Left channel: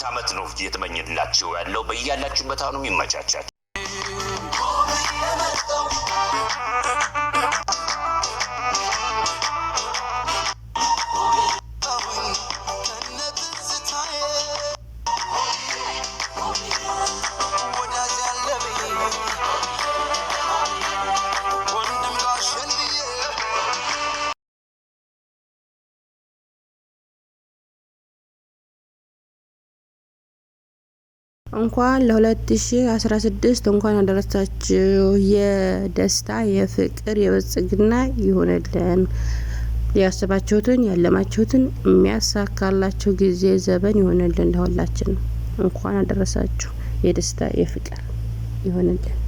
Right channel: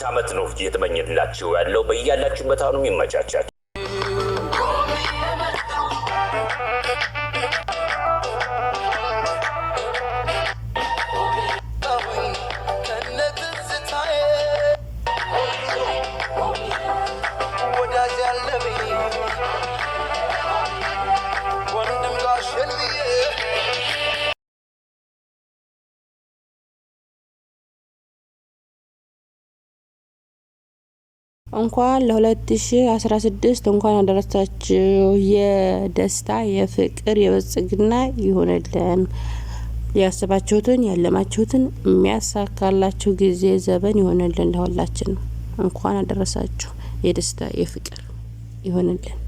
አዲስ ዓመት ነው እየተመኘንላችሁ ያለው። በእያላችሁበት አሁንም ይመቻቻችሁ። እንኳን ለ2016 እንኳን አደረሳችሁ። የደስታ የፍቅር የብልጽግና ይሁንልን። ያሰባችሁትን ያለማችሁትን የሚያሳካላችሁ ጊዜ ዘመን ይሁንልን። ለሁላችን እንኳን አደረሳችሁ። የደስታ የፍቅር ይሁንልን።